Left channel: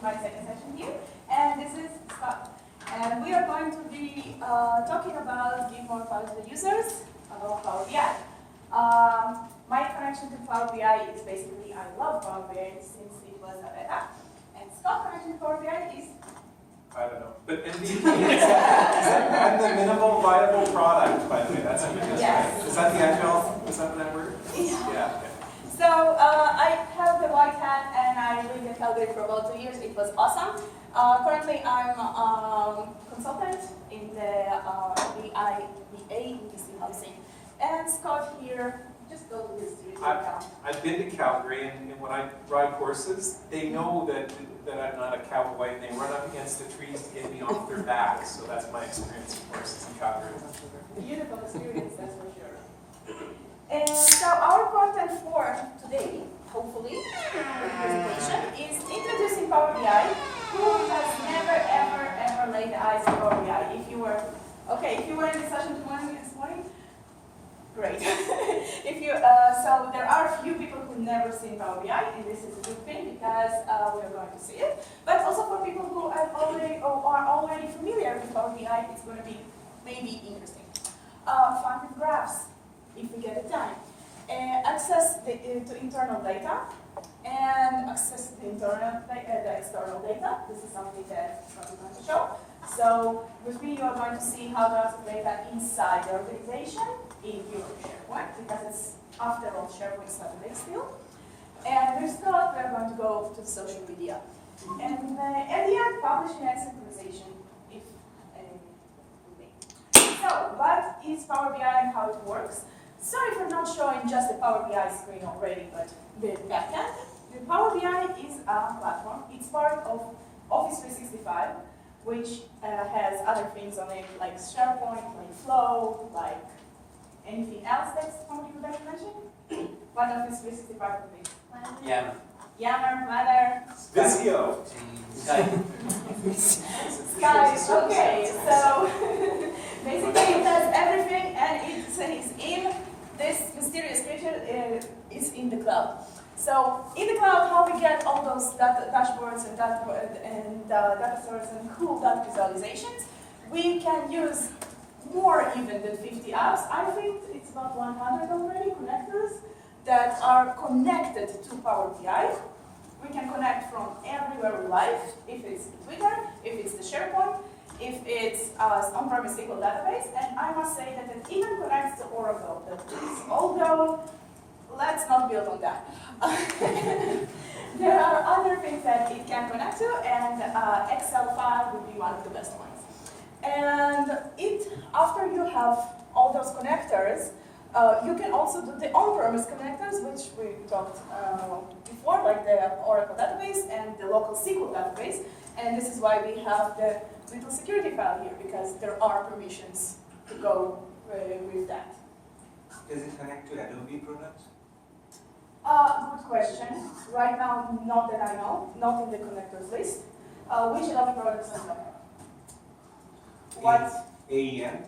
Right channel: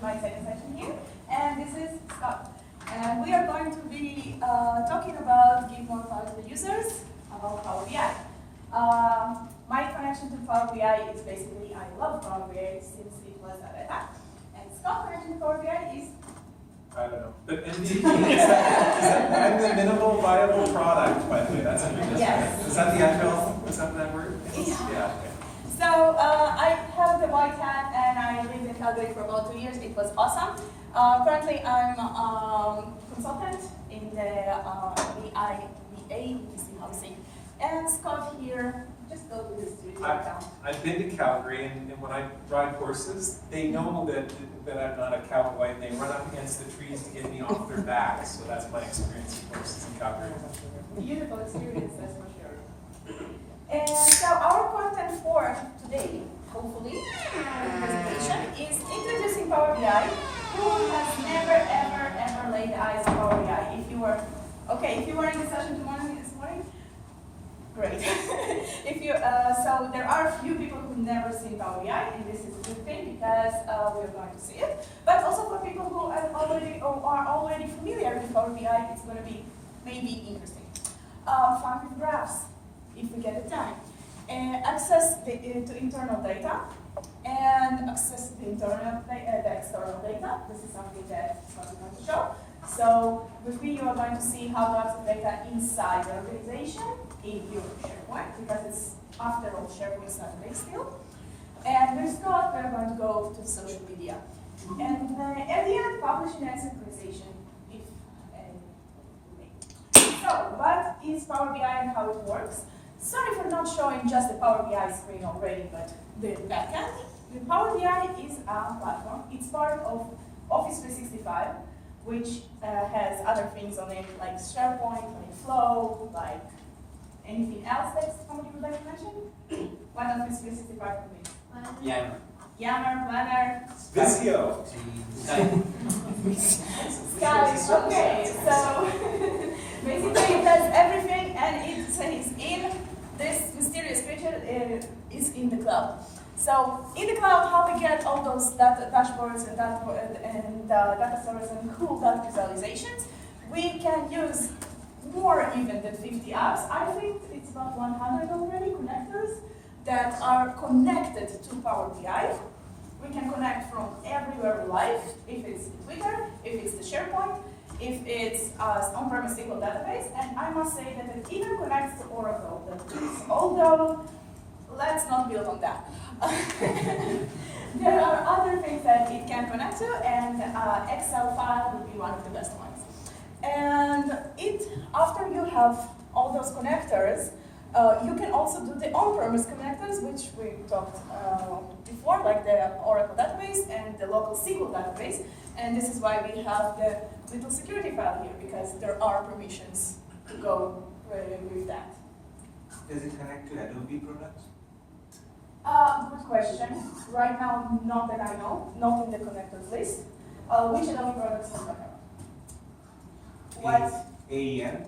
to my second session here, and this is Scott. And we are going to be talking about give more power to the users about Power BI. My connection to Power BI is basically I love Power BI since it was a beta, and Scott's connection to Power BI is I don't know. But MVP is that the minimal viable product, by the way. That's what you're just Yes. right. Is that the agile? Is that word? Yeah. Okay. So I have the white hat and I lived in Calgary for about 2 years. It was awesome. Currently I'm consultant in the ABC housing. And Scott here, just go to his street account. I've been to Calgary, and when I ride horses, they know that I'm not a cowboy, and they run up against the trees to get me off their backs. So that's my experience with horses in Calgary. Beautiful experience, that's for sure. And so our content for today, hopefully, the presentation is introducing Power BI. Who has never, ever laid eyes on Power BI? If you were in the session this morning, great. So there are a few people who never seen Power BI, and this is a good thing because we're going to see it. But also for people who are already familiar with Power BI, it's going to be maybe interesting. Fun with graphs, if we get the time. Access to internal data and access to the external data. This is something that I'm going to show. So with me, you are going to see how to access data inside the organization in your SharePoint, because it's after all SharePoint Saturday still. And with Scott, we're going to go to social media. And at the end, publishing and synchronization, if any. So, what is Power BI and how it works? Sorry for not showing just the Power BI screen already, but the backend. The Power BI is a platform. It's part of Office 365, which has other things on it, like SharePoint, like Flow, like anything else that somebody would like to mention? What Office 365 would be? Yammer. Yammer, Planner. Visio. Guys, okay, so basically it does everything, and it says in this mysterious creature is in the cloud. So in the cloud, how we get all those dashboards and data sources and cool data visualizations, we can use more even than 50 apps. I think it's about 100 already connectors that are connected to Power BI. We can connect from everywhere we like, if it's Twitter, if it's the SharePoint, if it's on-premise SQL database, and I must say that it even connects to Oracle database, although let's not build on that. There are other things that it can connect to, and Excel file would be one of the best ones. And after you have all those connectors, you can also do the on-premise connectors, which we talked before, like the Oracle database and the local SQL database. And this is why we have the little security file here, because there are permissions to go with that. Does it connect to Adobe products? Good question. Right now, not that I know, not in the connectors list. Which Adobe products are there? What? AEM?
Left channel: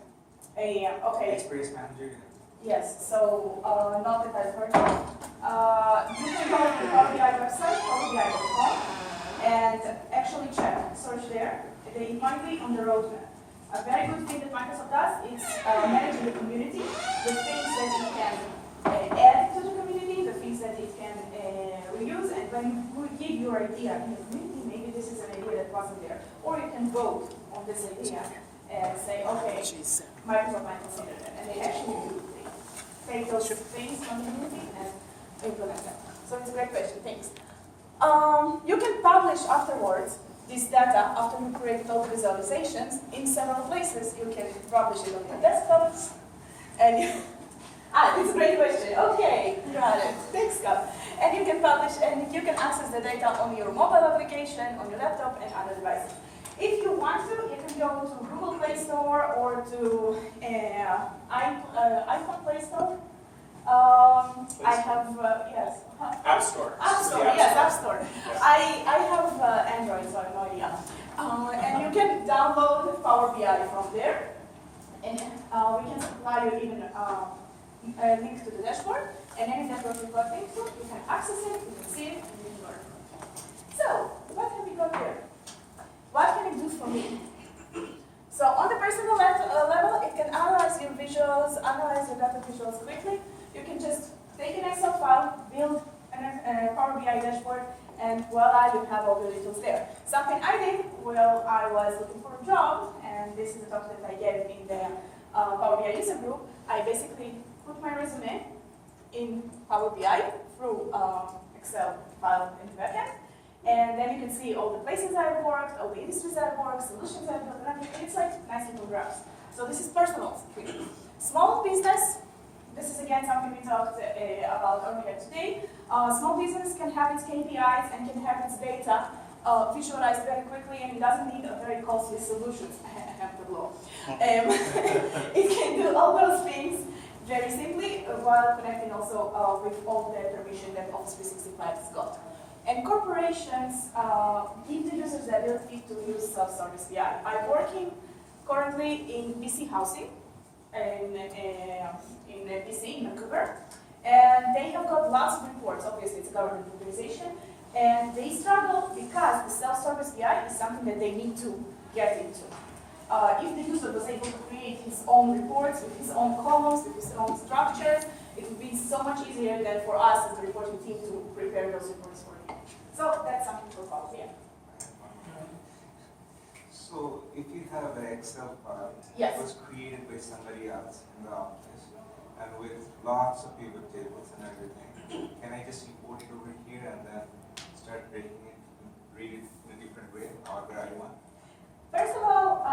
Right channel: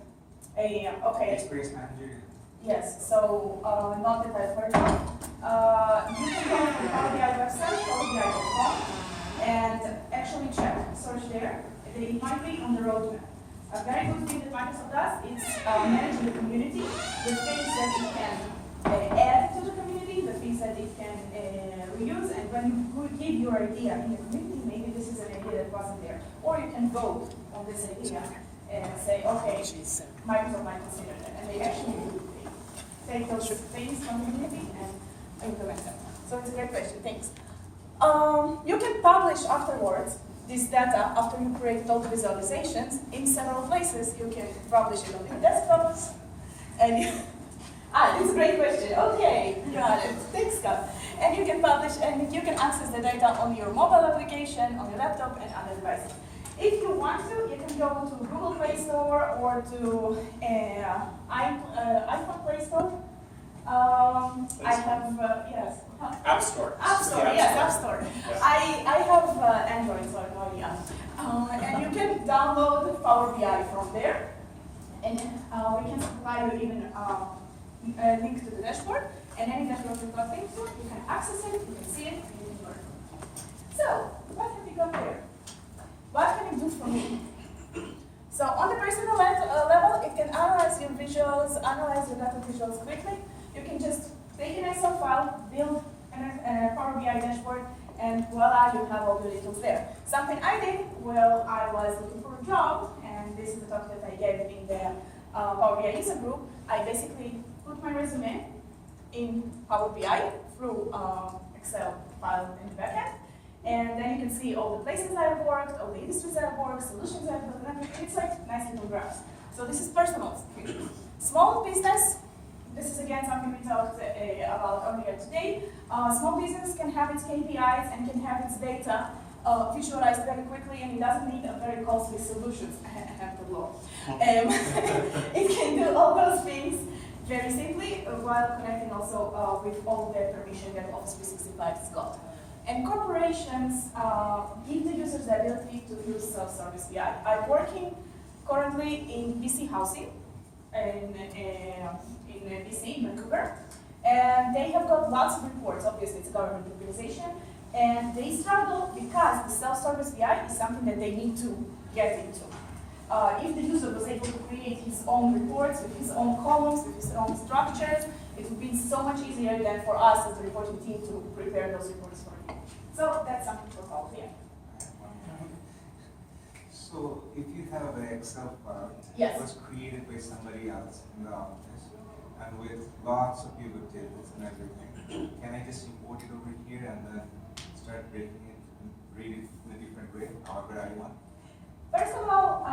AEM, okay. Experience Manager. Yes, so not that I've heard of. You can go to the Power BI website, powerbi.com, and actually check, search there. It might be on the roadmap. A very good thing that Microsoft does is managing the community, the things that it can add to the community, the things that it can reuse, and when you give your idea in the community, maybe this is an idea that wasn't there. Or you can vote on this idea and say, okay, Microsoft might consider it, and they actually do. Take those things from the community and implement them. So it's a great question, thanks. You can publish afterwards this data after you create all the visualizations in several places. You can publish it on your desktops, and it's a great question. Okay, got it. Thanks, Scott. And you can publish and you can access the data on your mobile application, on your laptop, and other devices. If you want to, you can go to Google Play Store or to iPhone Play Store. I have, yes. App Store. App Store, yes, App Store. Yeah. I have Android, so I have no idea. And you can download Power BI from there. And we can supply you even a link to the dashboard. And any dashboard you've got linked to, you can access it, you can see it, and you can learn. So, what have we got here? visuals, analyze your data visuals quickly, you can just take an Excel file, build a Power BI dashboard, and voila, you have all the details there. Something I did while I was looking for a job, and this is the talk that I gave in the Power BI user group, I basically put my resume in Power BI through Excel file in the backend. And then you can see all the places I've worked, all the industries I've worked, solutions I've built, and everything. It's like nice little graphs. So this is personal. Small business, this is again something we talked about earlier today. Small business can have its KPIs and can have its data visualized very quickly, and it doesn't need a very costly solution. I have to blow. It can do all those things very simply while connecting also with all the permission that Office 365 has got. And corporations give the users the ability to use self-service BI. I'm working currently in BC Housing, in BC, in Vancouver, and they have got lots of reports. Obviously, it's a government organization, and they struggle because the self-service BI is something that they need to get into. If the user was able to create his own reports with his own columns, with his own structures, it would be so much easier than for us as the reporting team to prepare those reports for him. So that's something for Power BI. So if you have an Excel file Yes. that was created by somebody else in the office and with lots of pivot tables and everything, can I just import it over here and then start breaking it and read it in a different way, however I want? First of all,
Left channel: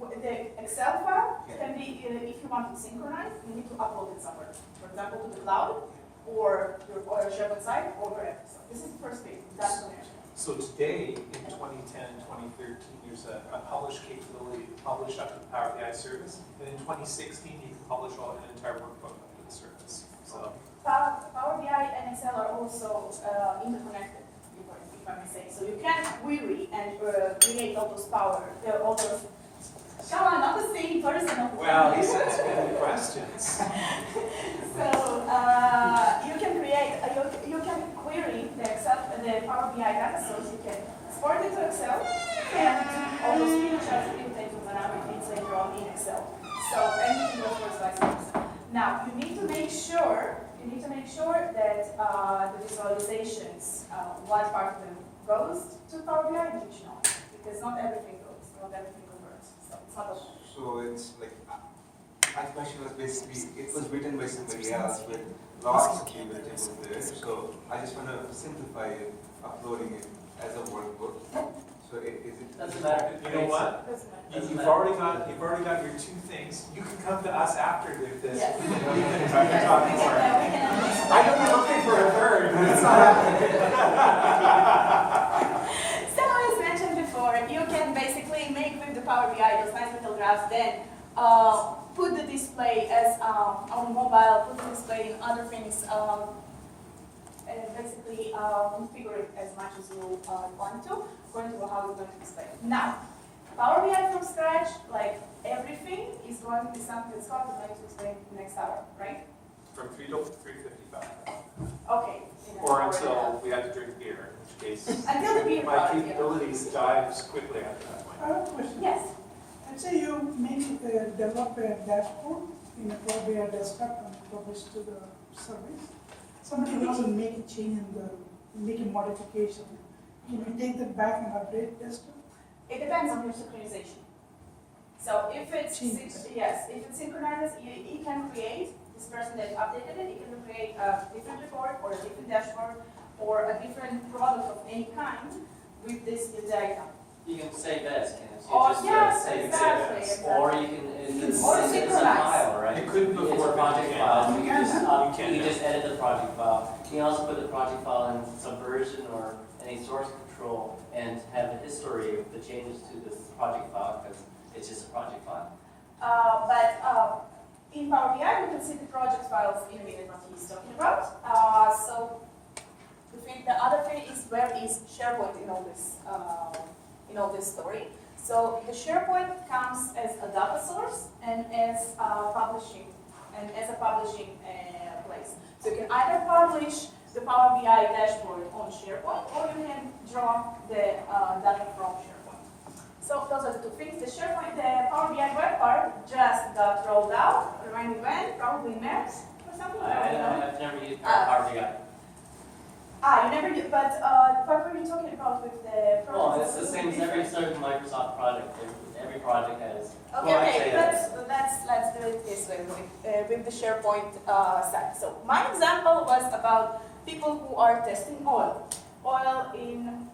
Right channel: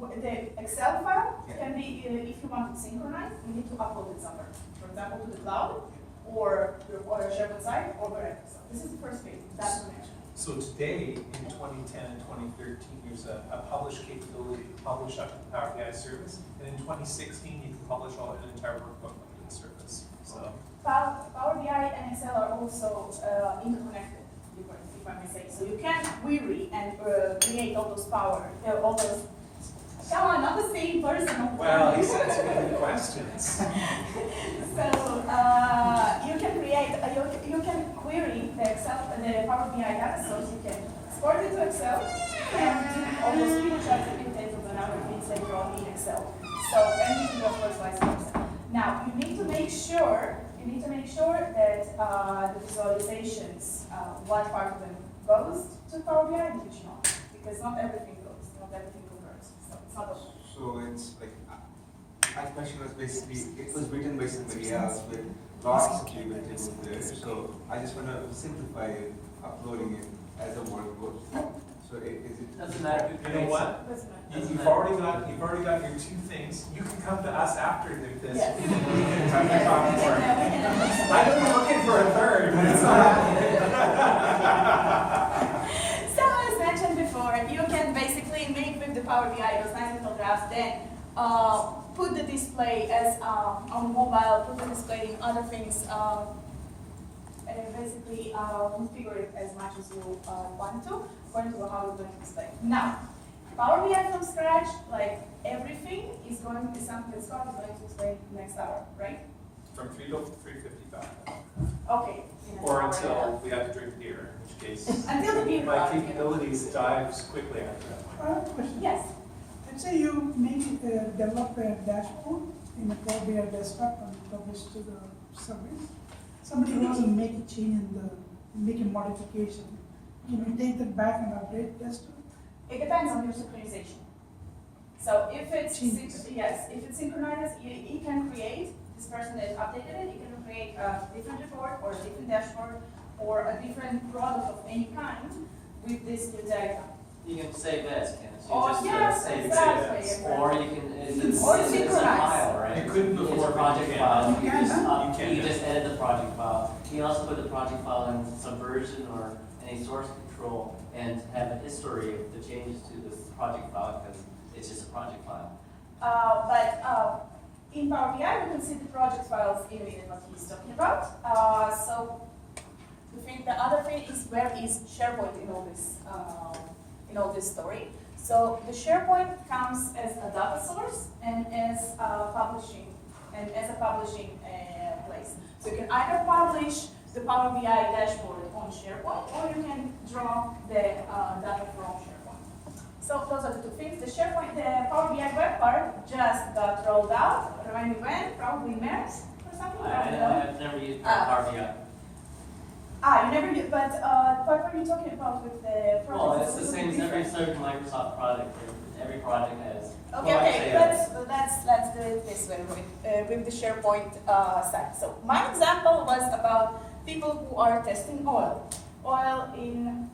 the Excel file can be, if you want it synchronized, you need to upload it somewhere. For example, to the cloud, or your SharePoint site, or wherever. So this is the first thing, that's connection. So today, in 2010 and 2013, there's a publish capability to publish up to the Power BI service. And in 2016, you can publish an entire workbook up to the service. So Power BI and Excel are also interconnected, if I may say. So you can query and create all those all those. Come on, not the same person. well, he sends me questions. So you can create, you can query the Power BI data source. You can export it to Excel, and all those screenshots that you take from another things later on in Excel. So anything goes for slice in Excel. Now you need to make sure that the visualizations, one part of them goes to Power BI and which not, because not everything goes, not everything converts. So it's not a So it's like, my question was basically, it was written by somebody else with lots of pivot tables there. So I just want to simplify it, uploading it as a workbook. So is it? Doesn't matter. You know what? You've already got your two things. You can come to us after this. Yes. We can talk more. I've been looking for a third, but it's not happening. So as mentioned before, you can basically make with the Power BI those nice little graphs, then put the display as on mobile, put the display in other things, and basically configure it as much as you want to, according to how you're going to display. Now, Power BI from scratch, like everything, is going to be something that Scott is going to explain next hour, right? From 3 to 3:55. Okay. Or until we have to drink beer, in which case Until the beer my party, capabilities dives quickly after that point. I have a question. Yes. Let's say you develop a dashboard in a Power BI desktop and publish to the service. Somebody wants to make a change make a modification. Can you take that back and update desktop? It depends on your synchronization. So if it's Changes. yes, if it's synchronized, you can create this person that updated it. You can create a different report or a different dashboard or a different product of any kind with this data. You can save as, can't you? Oh, Just yes, save exactly, as. exactly. Or you can, it's Or a synchronize. file, right? You couldn't It's before, a project but you file, can. you can just, You can you now. just edit the project file. You can also put the project file in Subversion or any source control and have a history of the changes to this project file because it's just a project file. But in Power BI, we can see the project files in a minute what he's talking about. So the other thing is where is SharePoint in all this story. So the SharePoint comes as a data source and as a publishing place. So you can either publish the Power BI dashboard on SharePoint or you can draw the data from SharePoint. So So those are the two things. The SharePoint, the Power BI web part just got rolled out. Remind me when? Probably March or something. I don't know. I've never used PowerBI. You never did, but what were you talking about with the project? Well, it's the same as every certain Microsoft project. Every project has. Okay, well, okay, actually, let's do it this way with the SharePoint site. So my example was about people who are testing oil in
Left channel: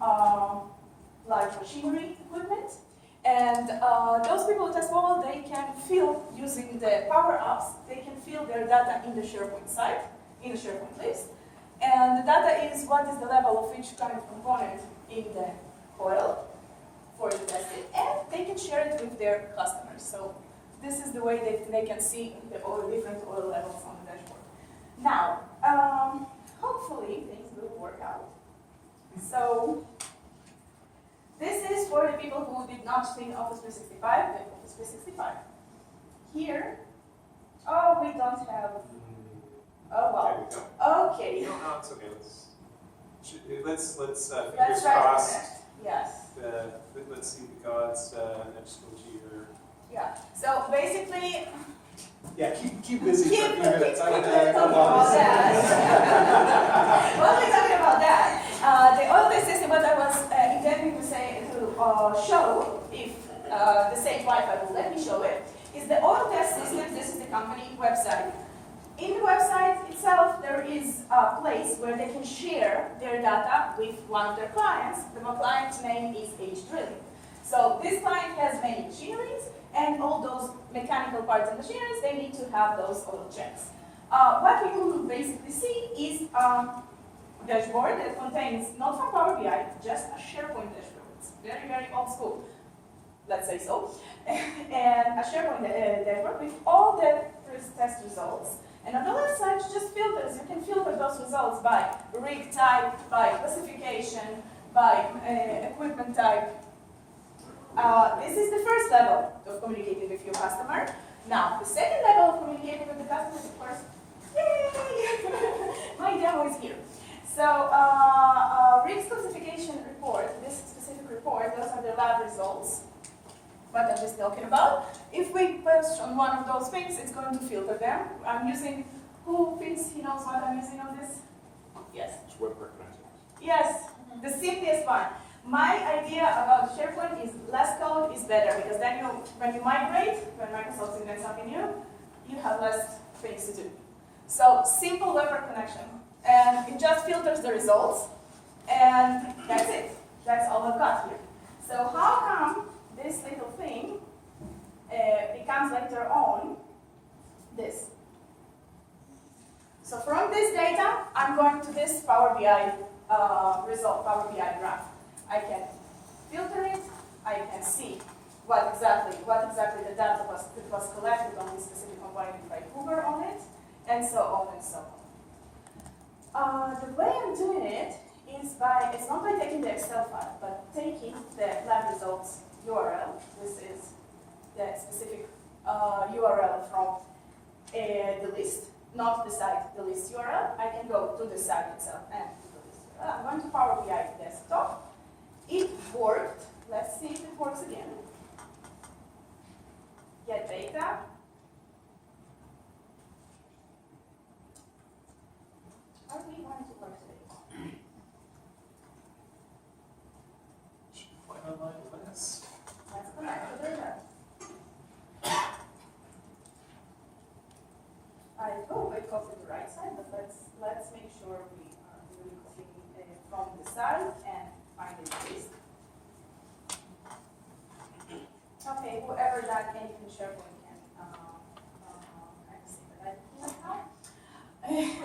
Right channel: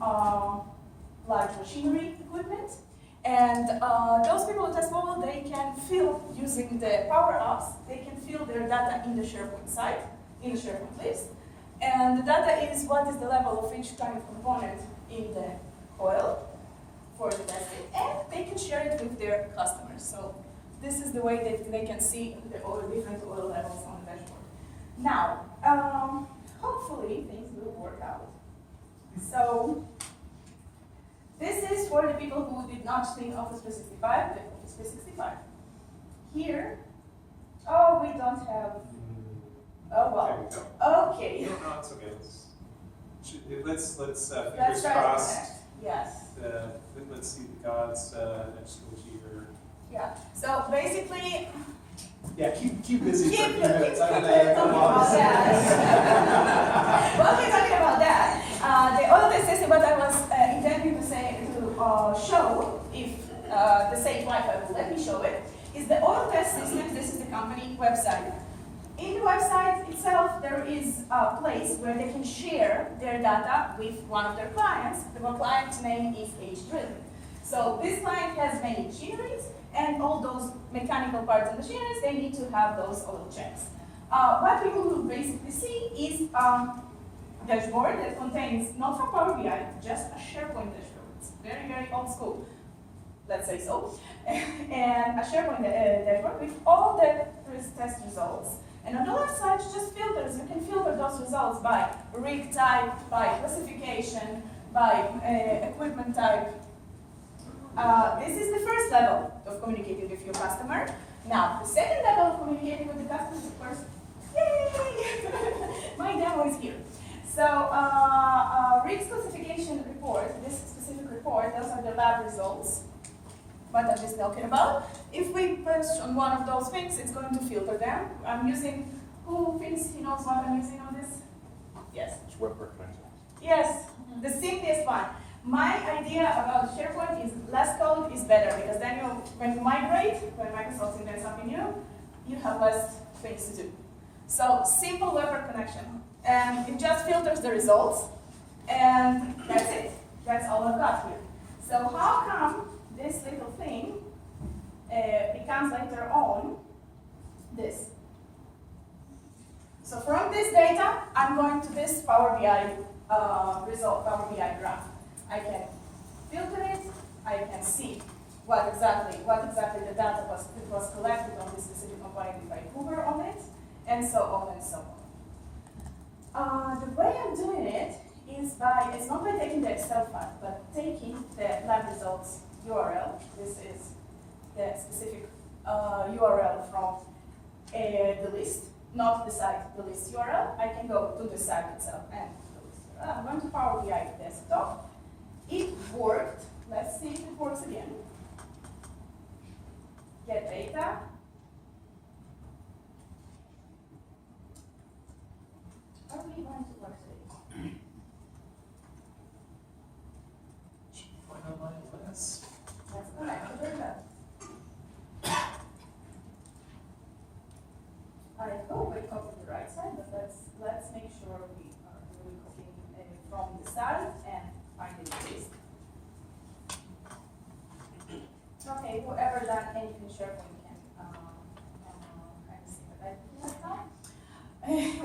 large machinery equipment, and those people who test oil, they can fill using the Power Apps. They can fill their data in the SharePoint site, in the SharePoint list, and the data is what is the level of each kind of component in the oil for the testing, and they can share it with their customers. So this is the way that they can see all the different oil levels on the dashboard. Now, hopefully things will work out. So this is for the people who did not think Office 365, but Office 365. Here, oh, we don't have, oh well, There we go. okay. No, it's okay. Let's Let's fingers try to crossed. connect. Yes. Let's see the gods next to you. Yeah. So basically, Yeah, keep busy keep for a few minutes. I'm talking gonna about that. While we're talking about that, the other test system, what I was intending to say to show, if the Sage Wi-Fi will let me show it, is the auto test system. This is the company website. In the website itself, there is a place where they can share their data with one of their clients. The client's name is H-Drilling. So this client has many machineries, and all those mechanical parts of machineries, they need to have those auto checks. What we will basically see is a dashboard that contains, not from Power BI, just a SharePoint dashboard. It's very, very old school, let's say so. And a SharePoint dashboard with all the test results. And on the left side, just filters. You can filter those results by rig type, by classification, by equipment type. This is the first level of communicating with your customer. Now, the second level of communicating with the customer is, of course, yay! My demo is here. So, rig classification report, this specific report, those are the lab results. What I'm just talking about. If we push on one of those things, it's going to filter them. I'm using, who thinks he knows what I'm using on this? Yes. It's web connection. Yes, the simplest one. My idea about SharePoint is less code is better, because then when you migrate, when Microsoft invents something new, you have less things to do. So simple web connection, and it just filters the results, and that's it. That's all I've got here. So how come this little thing becomes later on this? So from this data, I'm going to this Power BI result, Power BI graph. I can filter it. I can see what exactly the data was collected on this specific component if I hover on it, and so on and so on. The way I'm doing it is it's not by taking the Excel file, but taking the lab results URL. This is the specific URL from the list, not the site, the list URL. I can go to the site itself and to the list URL. I'm going to Power BI desktop. It worked. Let's see if it works again. Get data. Are we going to work today? Point on my list. Let's connect the data. I hope we copied the right side, but let's make sure we are really copying from the start and finding the list. Okay, whoever that anything SharePoint can see the right.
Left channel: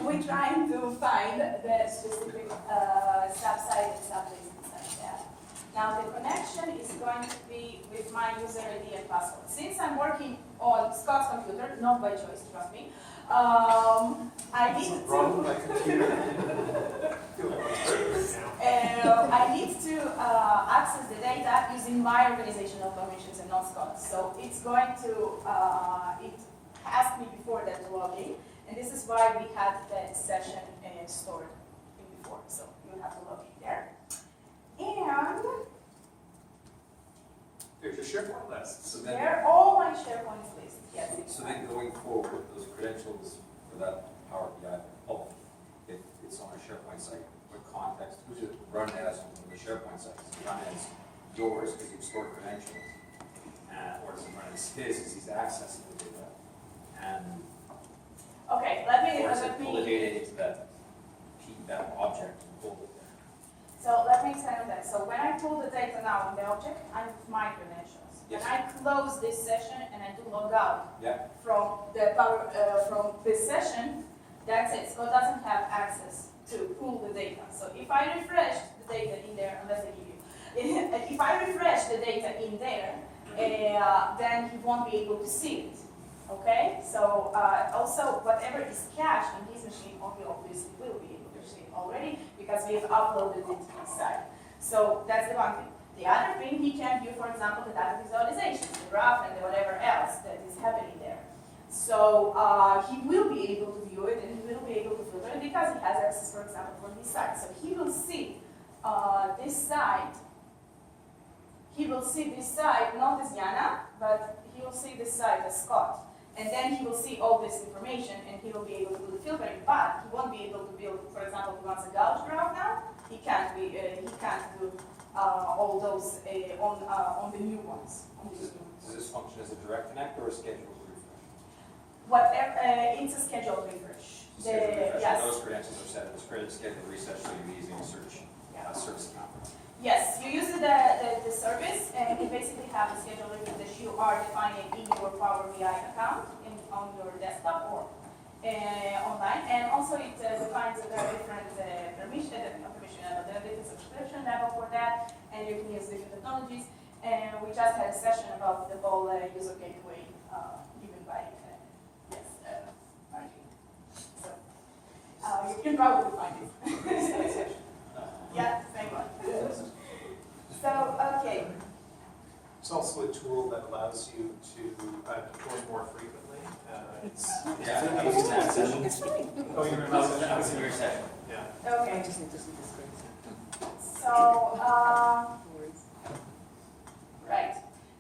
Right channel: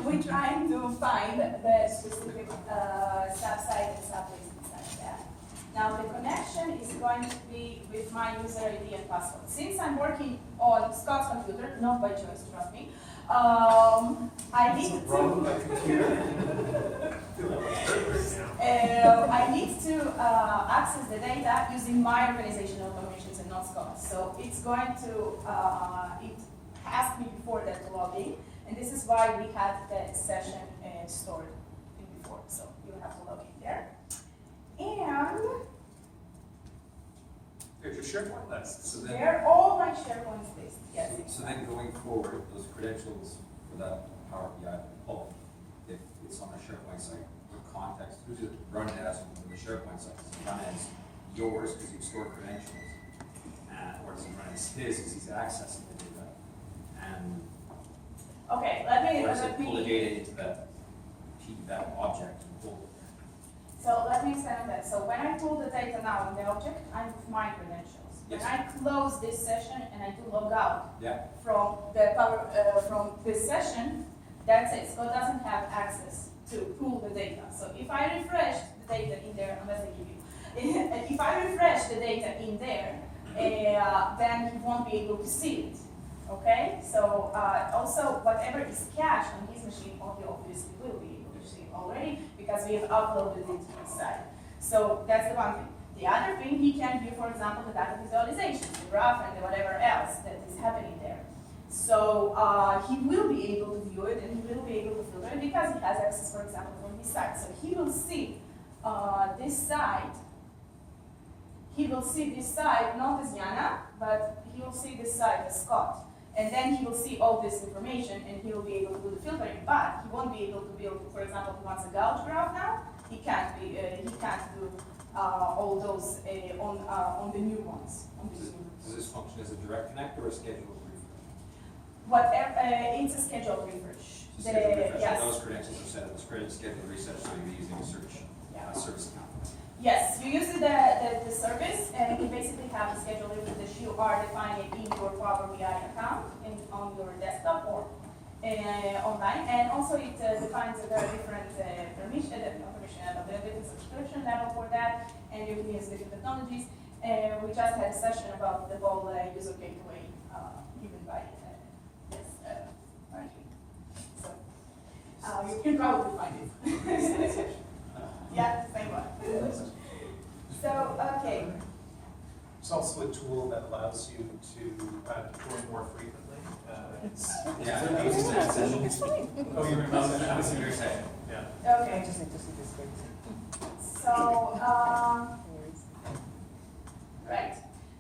We're trying to find the specific sub-site and sub-list inside there. Now the connection is going to be with my user ID and password. Since I'm working on Scott's computer, not by choice, trust me, I need to. Wrong with my computer. I need to access the data using my organizational automations and not Scott's. So it's going to, it asked me before that to log in, and this is why we had that session stored in before. So you have to log in there. And There's SharePoint list. So then, They're all my SharePoint list, yes. so then going forward, those credentials for that Power BI, oh, if it's on our SharePoint site, what context, who's it run as on the SharePoint site? Does it run as yours because you store credentials? Or does it run as his because he's accessing the data? And, Okay, let or does it pull the me, data into that object and pull it there? so let me explain on that. So when I pull the data now in the object, I put my credentials. When Yes. I close this session and I do log out Yeah, from from this session, that's it. Scott doesn't have access to pull the data. So if I refresh the data in there, unless I give you, if I refresh the data in there, then he won't be able to see it. Okay? So also whatever is cached on his machine, or he obviously will be able to see it already because we have uploaded it to his site. So that's the one thing. The other thing, he can view, for example, the data visualization, the graph, and the whatever else that is happening there. So he will be able to view it, and he will be able to filter it because he has access, for example, for his site. So he will see this site. He will see this site not as Yana, but he will see this site as Scott. And then he will see all this information, and he will be able to do the filtering. But he won't be able to build, for example, if he wants a gauge graph now. He can't be. He can't do all those on the new ones. does this function as a direct connect or a scheduled refresh? Whatever, it's a scheduled refresh. So scheduled refresh, Yes. those credentials are set, it's created scheduled reset, so you're using a search service account. Yes, you use the service, and you basically have the schedule that you are defining in your Power BI account on your desktop or online. And also it defines the different the different subscription level for that, and you can use different technologies. And we just had a session about the whole user gateway given by Martin. So you can probably find it. Yeah, same one. So, okay. It's also a tool that allows you to deploy more frequently. It's Yeah, that was in that session. It's fine. Oh, you remember That was in your session. Yeah. Okay. So, right.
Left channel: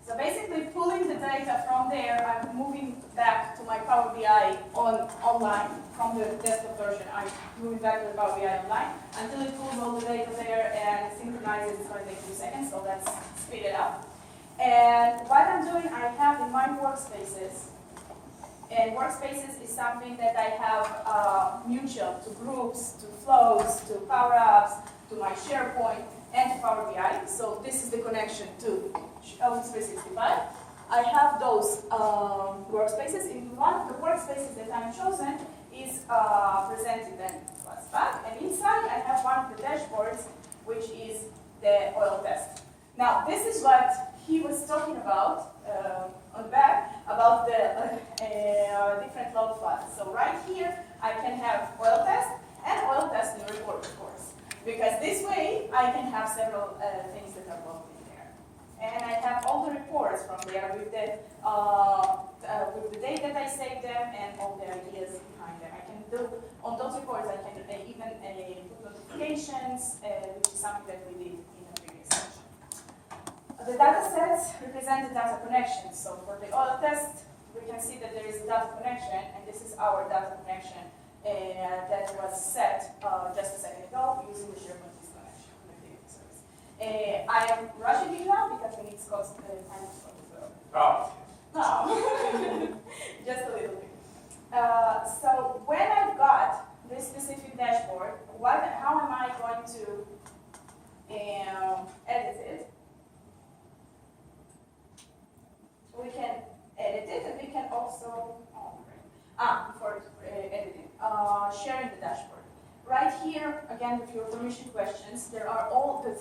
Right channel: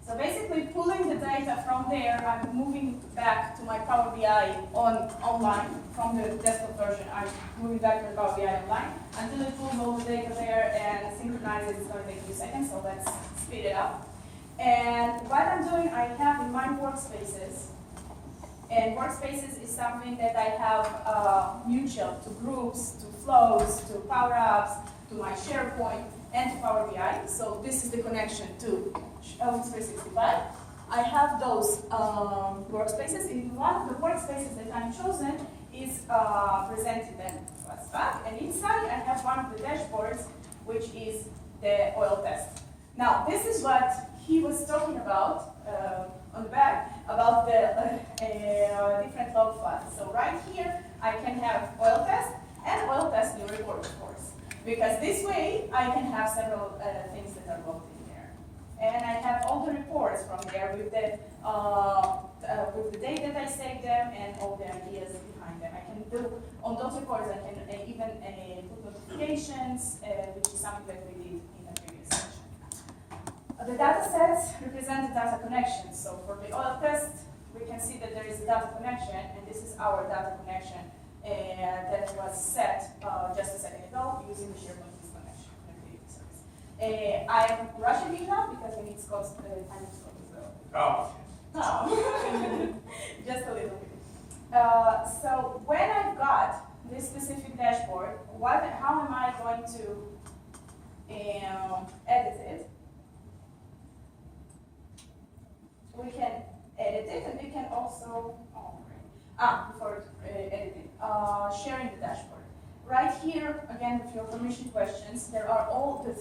So basically pulling the data from there, I'm moving back to my Power BI online from the desktop version. I'm moving back to the Power BI online until it pulls all the data there and synchronizes. It's going to take a few seconds, so let's speed it up. And what I'm doing, I have in my workspaces, and workspaces is something that I have mutual to groups, to flows, to Power Apps, to my SharePoint, and to Power BI. So this is the connection to Office 365. I have those workspaces. In one of the workspaces that I'm chosen is presented and what's back. And inside I have one of the dashboards, which is the oil test. Now this is what he was talking about on the back, about the different log files. So right here I can have oil test and oil test new report, of course. Because this way, I can have several things that are logged in there. And I have all the reports from there with the date that I saved them and all the ideas behind them. I can do, on those reports, I can even put notifications, which is something that we did in the previous section. The data sets represent the data connections. So for the oil test, we can see that there is a data connection, and this is our data connection. That was set just a second ago using the SharePoint connectivity service. I am rushing it now because we need Scott's time Scott as well. Oh. Just a little bit. So when I've got this specific dashboard, how am I going to edit it? We can edit it, and we can also before editing, sharing the dashboard. Right here, again, with your permission questions, there are all the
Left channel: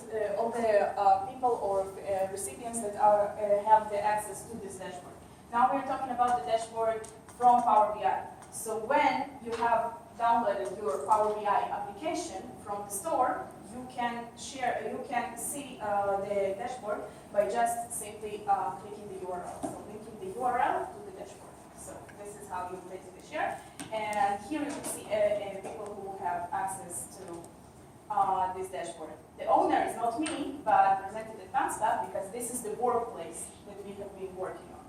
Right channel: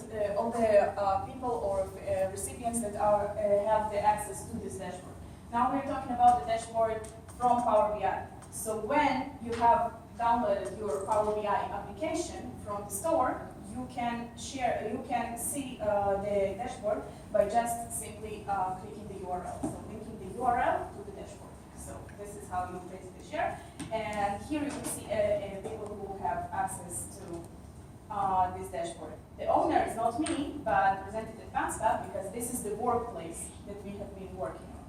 people or recipients that have the access to this dashboard. Now we're talking about the dashboard from Power BI. So when you have downloaded your Power BI application from the store, you can see the dashboard by just simply clicking the URL. So linking the URL to the dashboard. So this is how you basically share. And here you can see people who have access to this dashboard. The owner is not me, but represented at Scott because this is the workplace that we have been working on.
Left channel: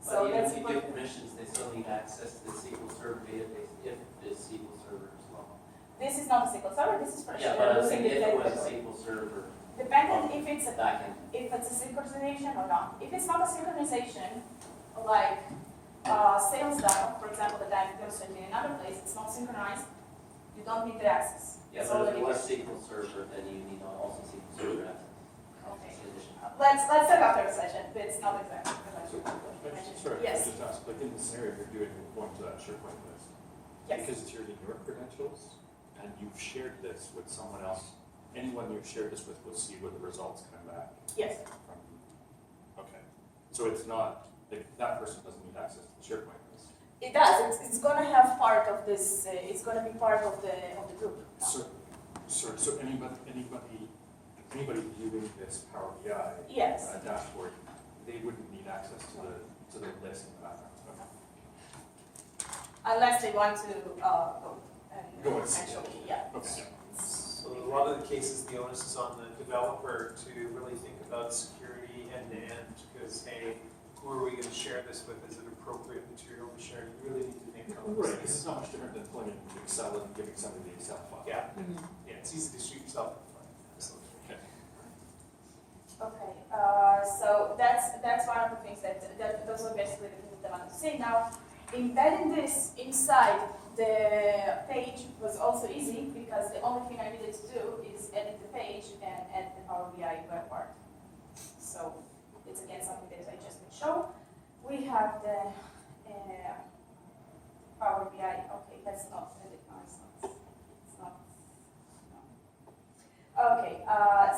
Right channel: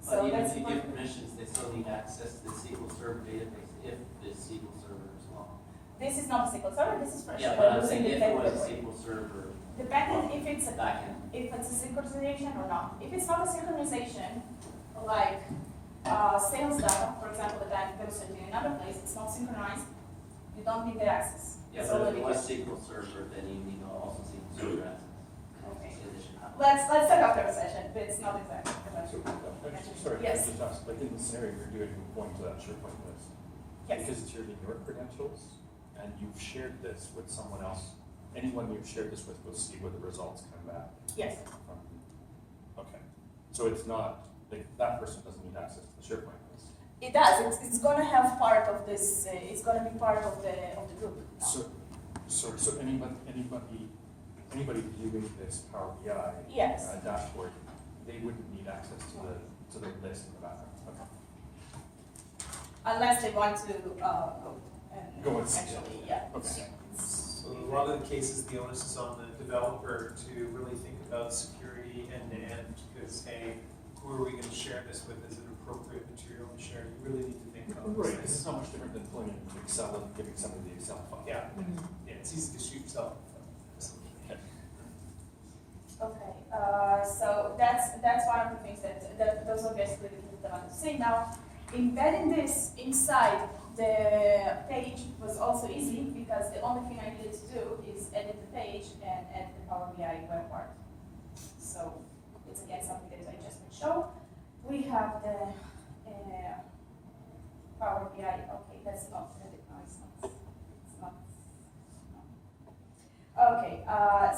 So But even that's if you what- give permissions, they still need access to the SQL Server database if it's SQL Server as well. this is not a SQL Server, this is fresh. Yeah, We're but I'm using saying the if it was database. SQL Server Depending if it's a backend. if it's a synchronization or not. If it's not a synchronization, like sales data, for example, that I'm demonstrating in another place, it's not synchronized, you don't need the access. Yeah, It's but if already it was there. SQL Server, then you need also SQL Server access. Okay. In addition. Let's talk after a session, but it's not exactly. Sorry, Yes. I just asked, like in the scenario you're doing, going to that SharePoint list, Yes. because it's your credentials, and you've shared this with someone else, anyone you've shared this with will see what the results come back Yes. from. Okay, so it's not, like, that person doesn't need access to the SharePoint list. It does. It's going to have part of this. It's going to be part of the group. So anybody viewing this Power BI Yes. dashboard, they wouldn't need access to the list in the background. Okay. Unless they want to go and Go and see it. actually, yeah. Okay. So a lot of the cases, the onus is on the developer to really think about security end to end, because hey, who are we going to share this with? Is it appropriate material to share? You really need to think about Right, this. it's not much different than pulling in Excel and giving somebody the Excel file. Yeah, yeah, it's easy to shoot yourself in the foot. Absolutely. Okay. So that's one of the things that those are basically the things that I want to say. Now, embedding this inside the page was also easy because the only thing I needed to do is edit the page and add the Power BI web part. So it's again something that I just will show. We have the Power BI. Okay, that's not edit. No, it's not. It's not. No. Okay.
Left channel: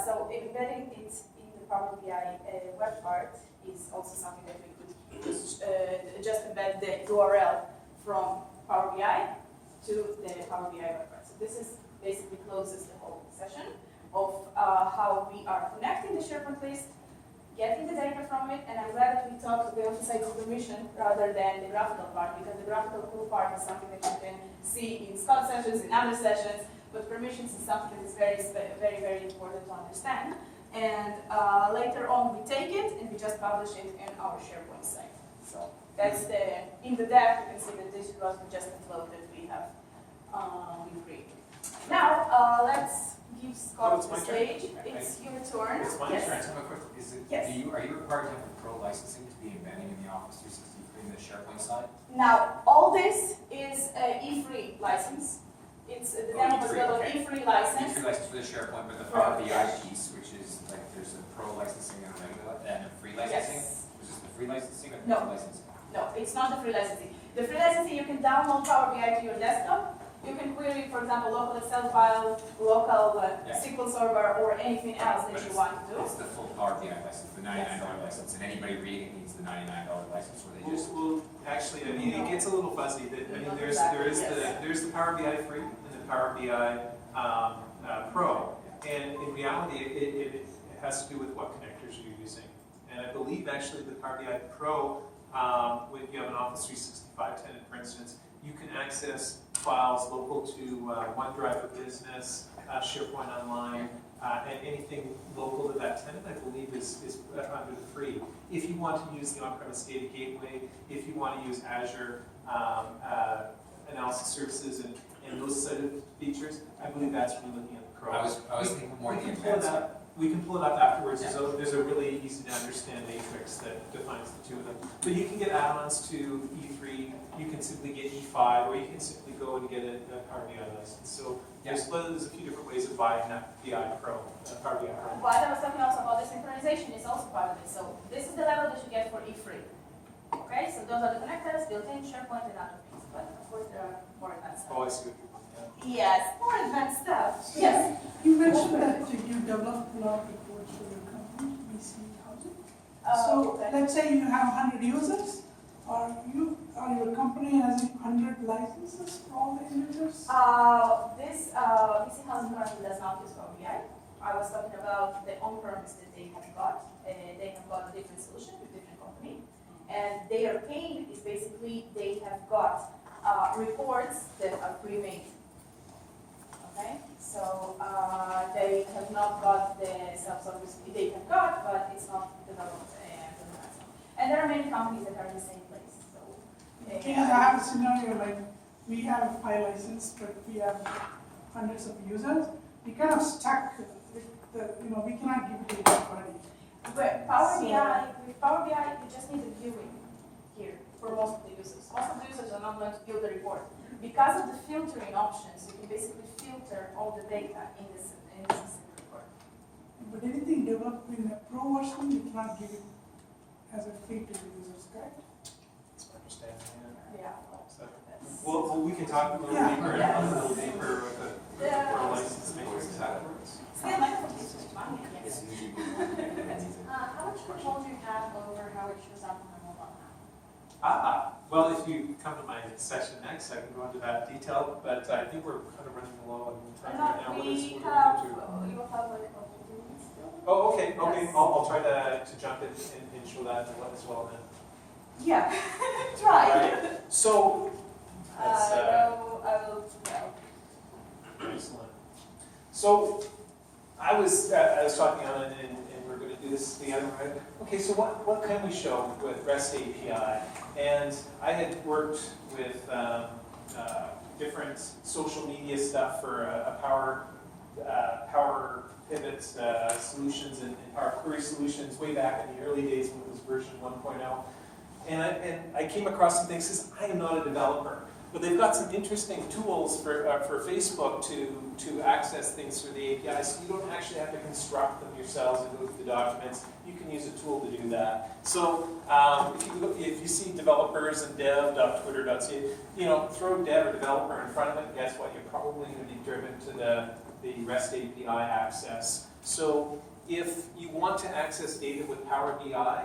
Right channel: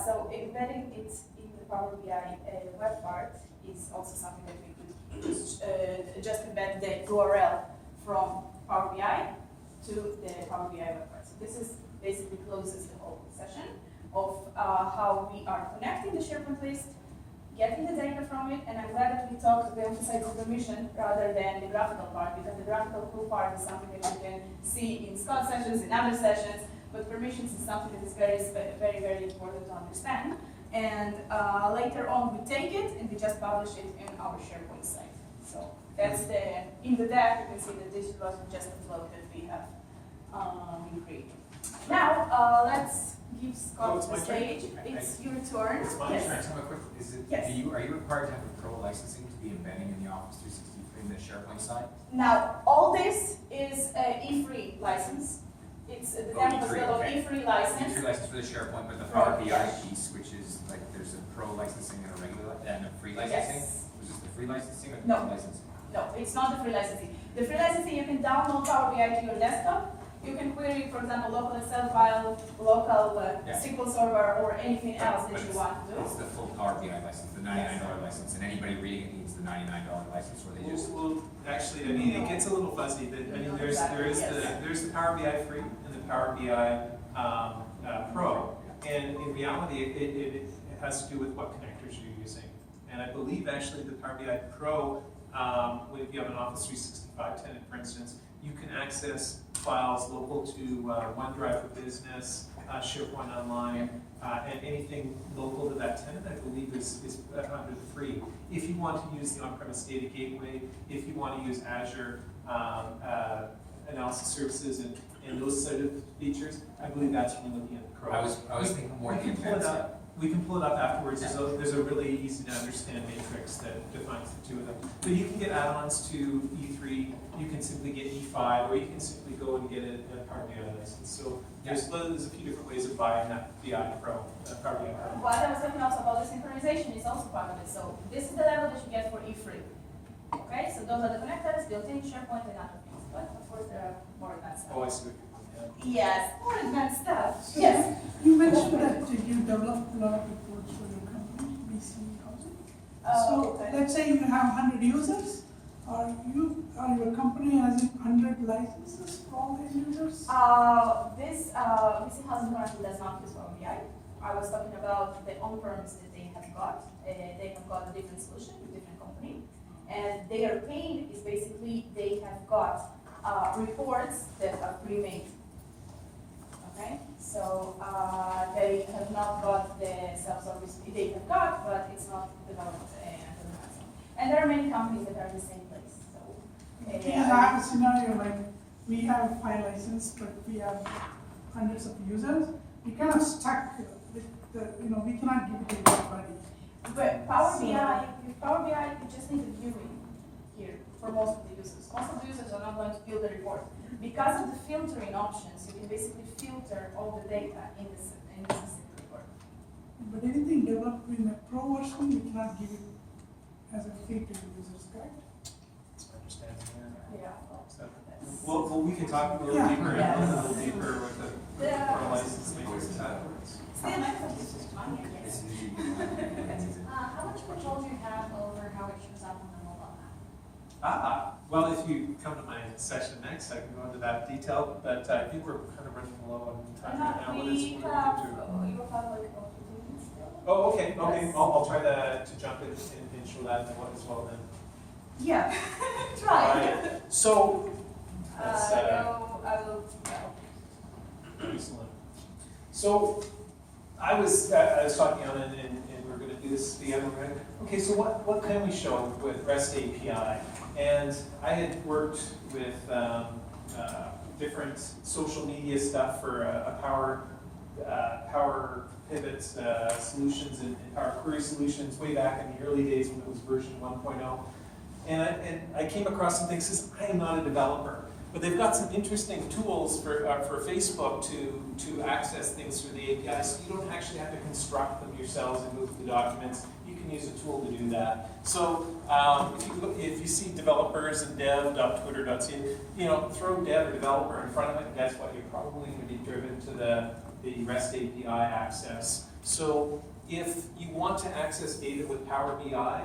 So embedding it in the Power BI web part is also something that we could just embed the URL from Power BI to the Power BI web part. So this is basically closes the whole session of how we are connecting the SharePoint list, getting the data from it, and I'm glad that we emphasize the permission rather than the graphical part, because the graphical cool part is something that you can see in Scott sessions, in other sessions, but permissions is something that is very, very important to understand. And later on, we take it and we just publish it in our SharePoint site. So that's in the deck, you can see that this was just a flow that we have created. Now, let's give Scott it's the my turn. stage. It's your turn. It's my Yes. turn. Tell me quick, Yes. are you required to have a pro licensing to be embedding in the Office 365 in the SharePoint side? Now, all this is a E3 license. It's the demo was E3, built on okay. E3 You license. free license for the SharePoint, but the Right, Power BI yes. piece, which is like there's a pro licensing and a regular and a free licensing. Yes. Was this the free licensing or the No. pro licensing? No, it's not the free licensing. The free licensing, you can download Power BI to your desktop. You can query, for example, local Excel file, local Yeah. SQL Server, or anything else that you want to do. It's the full Power BI license, the $99 license, and anybody reading it needs the $99 license, or they just. Well, actually, I mean, it gets a little fuzzy, but I mean, there's the Power BI free and the Power BI Pro, and in reality, it has to do with what connectors you're using. And I believe actually the Power BI Pro, if you have an Office 365 tenant, for instance, you can access files local to OneDrive for Business, SharePoint Online, and anything local to that tenant, I believe is under the free. If you want to use the on-premise data gateway, if you want to use Azure analysis services and those sort of features, I believe that's when you're looking at the Pro. I was thinking more We the can pull it advanced. up. We can pull it up afterwards. There's a really easy to understand matrix that defines the two of them. But you can get add-ons to E3. You can simply get E5, or you can simply go and get a Power BI license. So there's a few different ways of buying that BI Pro, Power BI Pro. What I was talking also about the synchronization is also part of it. So this is the level that you get for E3. Okay, so those are the connectors, built-in, SharePoint, and other things. But of course, there are more advanced stuff. Oh, I see what you're pointing at. Yes, more advanced stuff. Yes. You mentioned that you develop a lot of reports for your company, BC Housing. So Okay. let's say you have 100 users, or your company has 100 licenses for all the users? This BC Housing currently does not use Power BI. I was talking about the on-premise that they have got. They have got a different solution with different company. And their pain is basically they have got reports that are pre-made. okay? So they have not got the self-service, they have got, but it's not developed and so. And there are many companies that are in the same place, so. The thing is, I have a scenario like, we have a file license, but we have hundreds of users. We kind of stuck with the, we cannot give it to everybody. But Power BI, with Power BI, you just need a viewing here for most of the users. Most of the users are not going to build the report. Because of the filtering options, you can basically filter all the data in this report. But anything developed in the pro version, you cannot give it as a free to the users, correct? That's my understanding. Yeah. So, well, we can talk a little Yeah. deeper, Yeah. a little deeper with the pro license makers afterwards. Still, Microsoft uses money, I guess. How much control do you have over how it shows up on the mobile app? Well, if you come to my session next, I can go into that detail, but I think we're kind of running low on time right now. What We are have, we going to do? you'll have like about 15 minutes still. Oh, okay, Yes. I'll try to jump in and show that as well then. Yeah, try. Alright, so, that's, I will, excellent. So, I was talking on it and we're gonna do this together, right? Okay, so what can we show with REST API? And I had worked with different social media stuff for a Power Pivot solutions and Power Query solutions way back in the early days when it was version 1.0. And I came across some things, because I am not a developer, but they've got some interesting tools for Facebook to access things through the API, so you don't actually have to construct them yourselves and go through the documents. You can use a tool to do that. So if you see developers and dev.twitter.ca, throw dev or developer in front of it, and guess what? You're probably going to be driven to the REST API access. So if you want to access data with Power BI,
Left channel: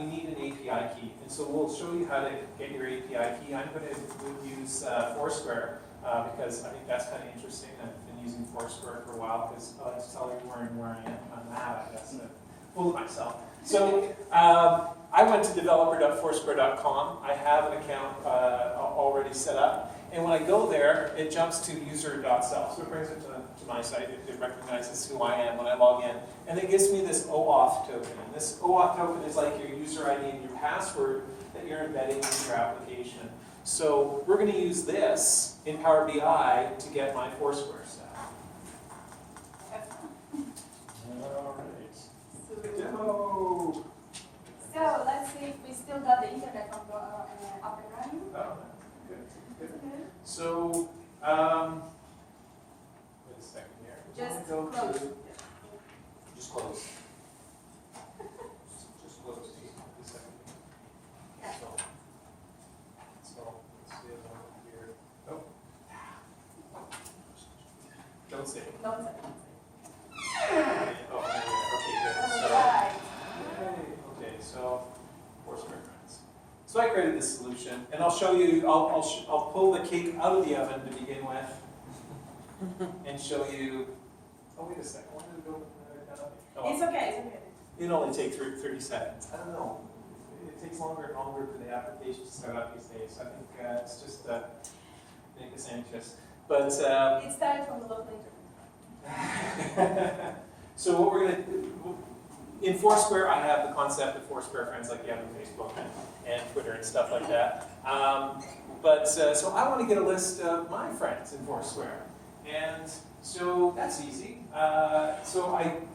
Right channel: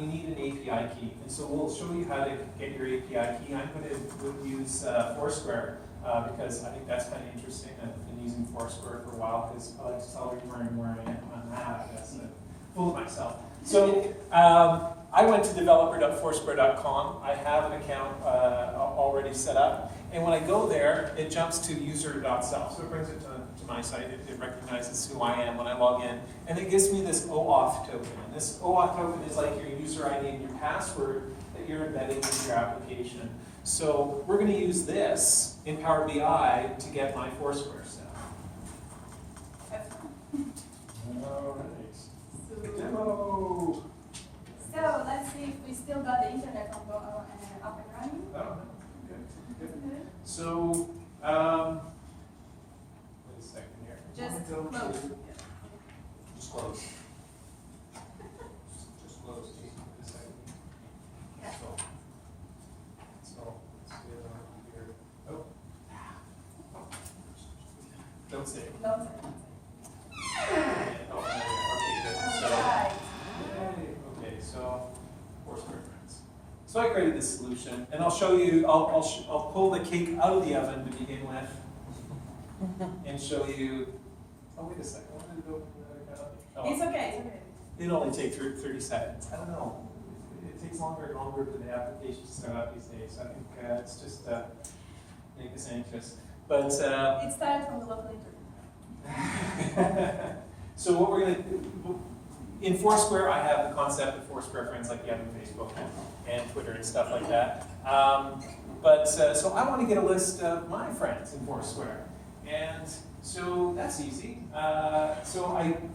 you need an API key. And so we'll show you how to get your API key. I'm going to use Foursquare because I think that's kind of interesting. I've been using Foursquare for a while because I like to tell everyone where I am on that, I guess. Fool of myself. So I went to developer.foursquare.com. I have an account already set up. And when I go there, it jumps to user.self. So it brings it to my site. It recognizes who I am when I log in. And it gives me this OAuth token. And this OAuth token is like your user ID and your password that you're embedding into your application. So we're going to use this in Power BI to get my Foursquare stuff. All right. Demo. So let's see if we still got the internet up and running. Oh, good. So, wait a second here. Just Go close. to- Just close. Just close. Wait a second. Yeah. So, let's see it over here. Oh. Don't say it. No, Okay, good. So, Alright. okay, so Foursquare friends. So I created this solution, and I'll show you. I'll pull the cake out of the oven to begin with, and show you. Oh, wait a second. I wanted to go. It's okay, it's okay. It'll only take 30 seconds. I don't know. It takes longer and longer for the application to start up these days. I think it's just make us anxious. But It started from the local internet. so what we're going to do, in Foursquare, I have the concept of Foursquare friends like you have on Facebook and Twitter and stuff like that. So I want to get a list of my friends in Foursquare. And so that's easy.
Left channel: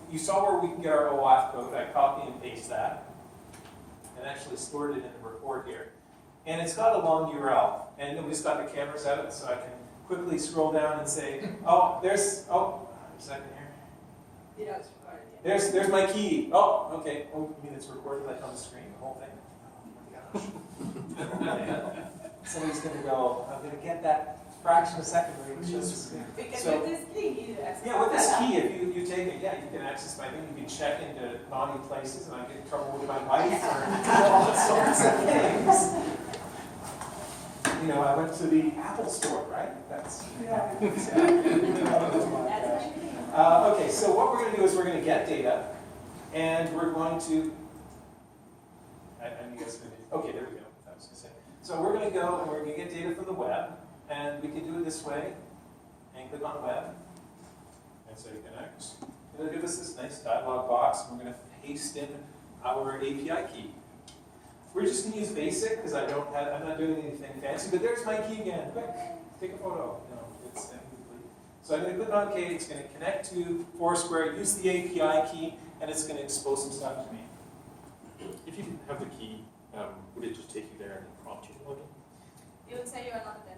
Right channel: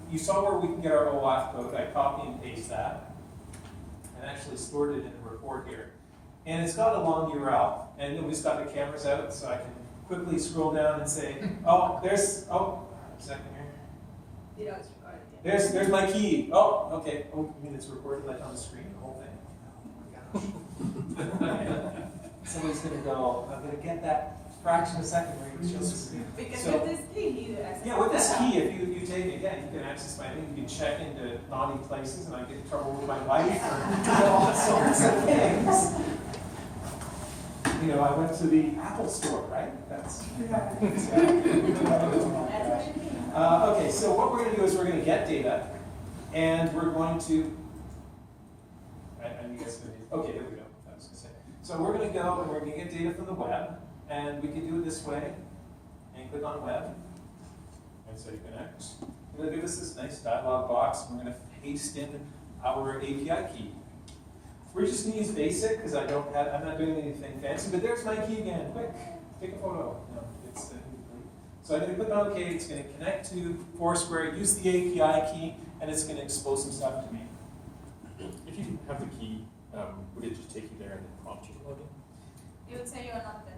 You saw where we can get our OAuth code. I copy and paste that and actually stored it in the report here. And it's got a long URL. And then we just got the cameras out so I can quickly scroll down and say, a second here. You know it's recorded. Yeah. There's my key. Oh, okay. Oh, you mean it's recorded like on the screen, the whole thing? Oh my gosh. Somebody's gonna go, I'm gonna get that fraction of a second where it shows the screen. Because So- with this key, you access. Yeah, with this key, if you take it, you can access my thing, you can check into naughty places, and I get in trouble with my wife, or all sorts of things. I went to the Apple store, right? That's. Okay, so what we're going to do is we're going to get data, and we're going to. You guys going to. Okay, there we go. I was going to say. So we're going to go and we're going to get data from the web, and we can do it this way. and click on web, and say connect. It'll give us this nice dialog box, and we're going to paste in our API key. We're just going to use basic because I'm not doing anything fancy, but there's my key again. Quick, take a photo. So I'm going to click on OK. It's going to connect to Foursquare, use the API key, and it's going to expose some stuff to me. If you didn't have the key, would it just take you there and then prompt you to log in? It would say you are not there.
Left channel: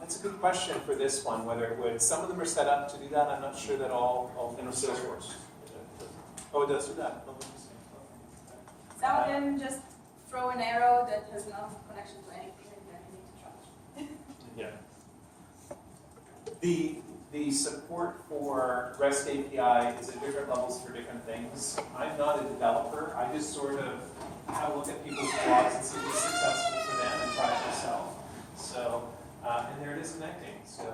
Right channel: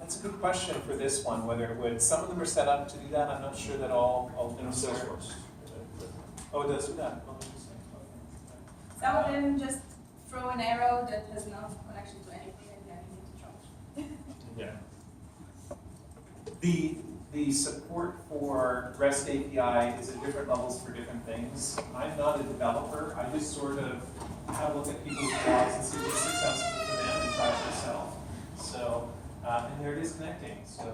That's a good question for this one, whether it would. Some of them are set up to do that. I'm not sure that all In things are. Salesforce. Oh, it does do that. Oh, interesting. Some of them just throw an arrow that has no connection to anything, and then you need to try. Yeah. The support for REST API is at different levels for different things. I'm not a developer. I just sort of have a look at people's blogs and see what's successful for them and try it myself. So, and there it is connecting. So,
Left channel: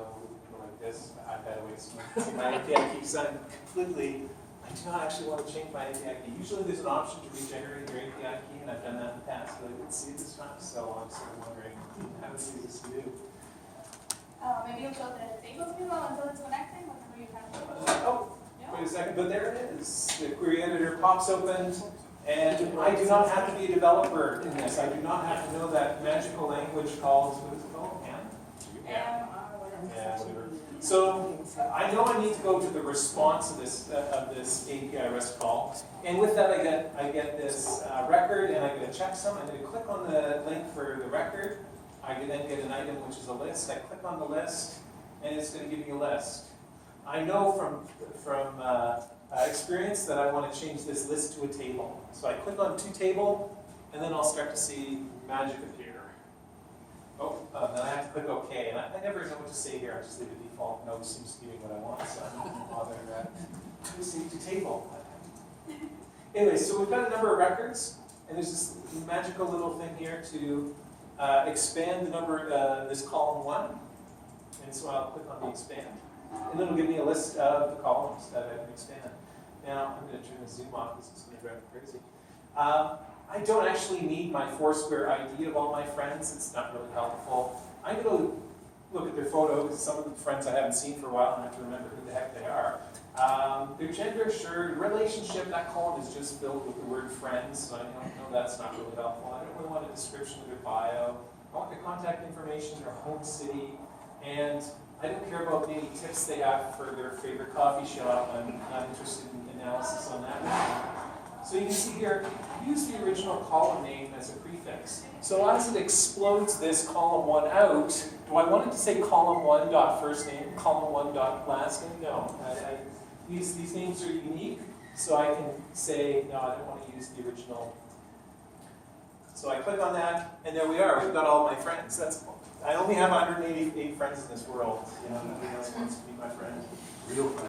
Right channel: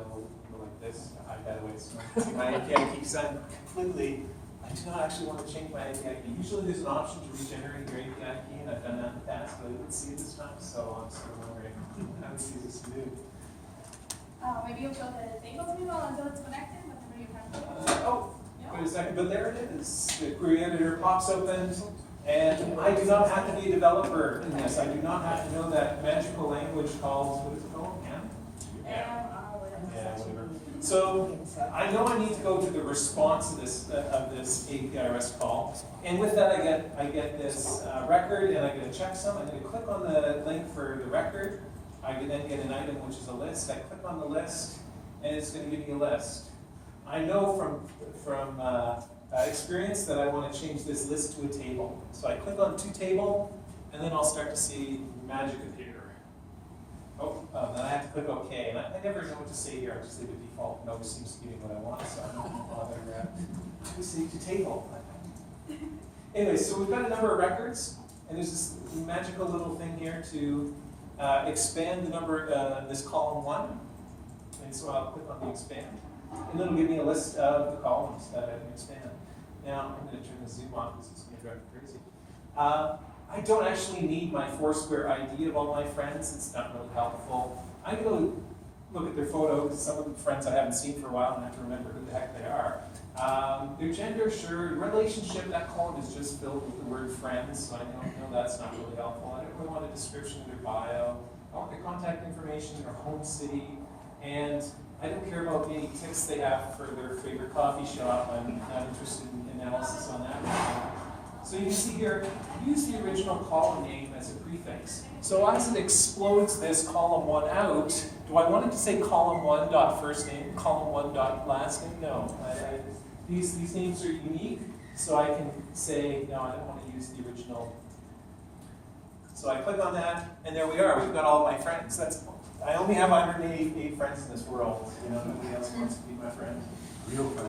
go like this. I've got to wait my API key because I do not actually want to change my API key. Usually there's an option to regenerate your API key, and I've done that in the past, but I didn't see it this time, so I'm sort of wondering how easy this to do. Maybe you'll show the table to people until it's connected, whenever you have to. Oh, wait a second, but there it is. The query editor pops open, and I do not have to be a developer in this. I do not have to know that magical language called, what is it called? Yeah, whatever. So I know I need to go to the response of this API REST call, and with that I get this record, and I get a checksum. I'm going to click on the link for the record. I can then get an item which is a list. I click on the list, and it's going to give me a list. I know from experience that I want to change this list to a table. So I click on to table, and then I'll start to see magic appear. Oh, then I have to click OK, and I never know what to say here. I just leave a default. No, it seems to give me what I want, so I'm not going to bother to say to table. Anyway, so we've got a number of records, and there's this magical little thing here to expand the number, this column 1. And so I'll click on the expand. And then it'll give me a list of the columns that I can expand. Now, I'm going to turn the zoom off because it's going to drive me crazy. I don't actually need my Foursquare ID of all my friends. It's not really helpful. I go look at their photo because some of the friends I haven't seen for a while and I have to remember who the heck they are. Their gender, sure. Relationship, that column is just filled with the word friends, so I know that's not really helpful. I don't really want a description of their bio. I want their contact information, their home city, and I don't care about any tips they have for their favorite coffee shop. I'm not interested in analysis on that. So you can see here, use the original column name as a prefix. So as it explodes this column 1 out, do I want it to say column 1 dot first name, column 1 dot last name? No. These names are unique, so I can say, no, I don't want to use the original. So I click on that, and there we are. We've got all my friends. I only have 188 friends in this world. Nobody else wants to be my friend. Real friends.